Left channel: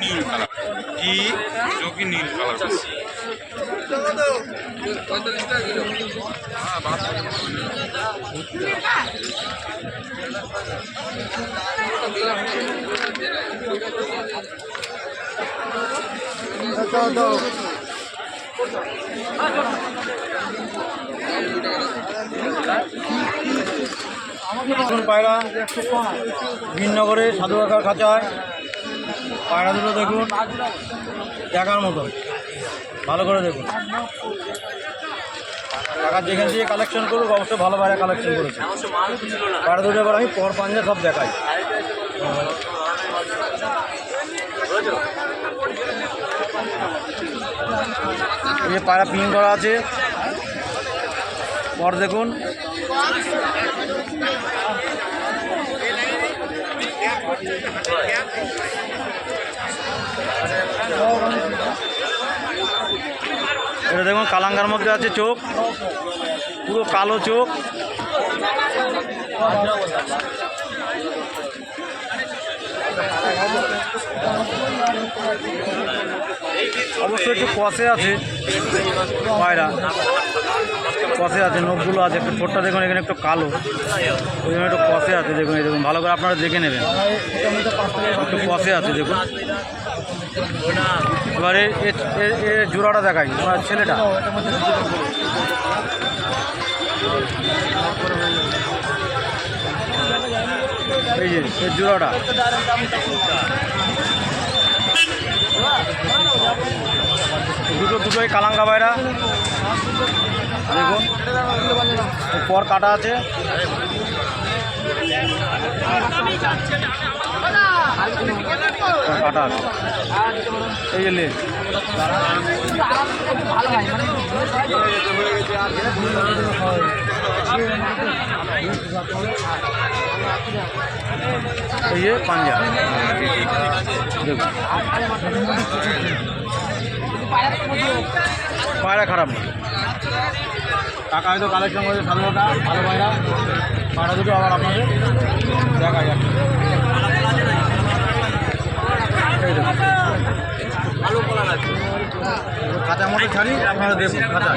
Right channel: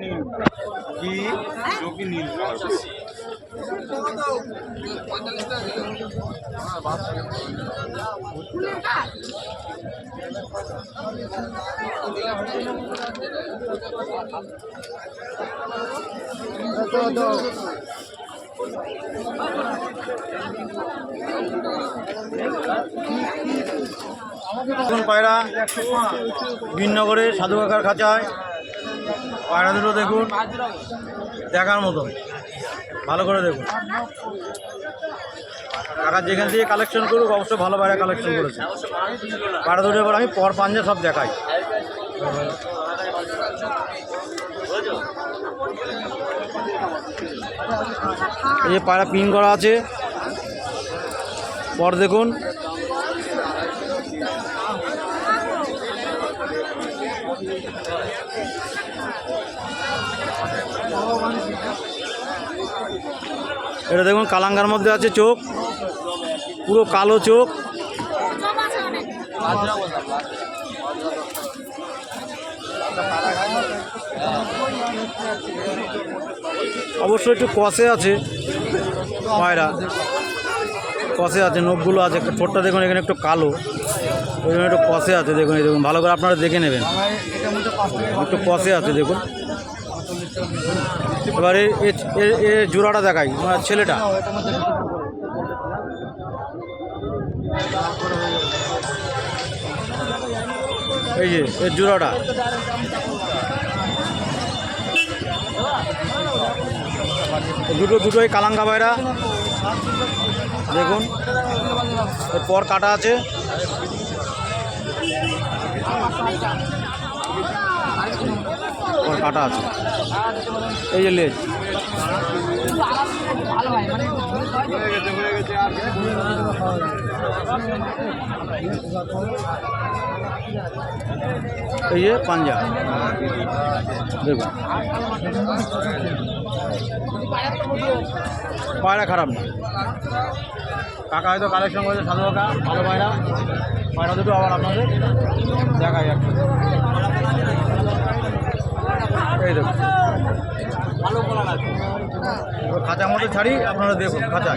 নীল colour কি চোখি নীল colour পায়রা বিনগরে সাধু কাকার খাঁচায় পায়রা দুটো দেখুন, দেখার মতন, ভালো করে দেখুন। কাকা যেখান থেকে কালেকশন করুক অবশ্যই ভালো পায়রা কালেকশন করেছে। পায়রা দুটো এবার আমি পর পাঞ্জা সব দেখাই। এই যে পায়রা পিন করা আছে, পর দেখুন। এটা দেখুন কালাঙ্গার মধ্যে আছে, চোখ পুরো কালো চোখ। অবশ্যই একটু কষে আছে পায়রা, কষে আছে, নখগুলো আছে, একটু ঠোঁটটা দেখুন এখানে একটু কালো, ওই জন্য একটু কষে আছে। দেখুন এই দেখুন, ভালো করে আপনারা দেখে নেবেন, একটু কষে আছে দেখুন। এবারে এর জোড়াটা দেখাই, আমার ছেলেটা। এই যে এর জোড়াটা, দুটোই কালাঙ্গা পায়রা দেখুন। পর কাটা আছে, কাটা আছে। এই যে লেজ, এই যে পাঞ্জা দেখুন। পায়রা খারাপ না, কাকা হয়তো কালেকশন করেছে সাধু কাকা, ভালো পায়রা। পায়রা দুটো আবার আপনাদের দেখা যাচ্ছে। এই দেখুন খাঁচার মধ্যে ছাড়ি, আপনারা দেখুন খাঁচা।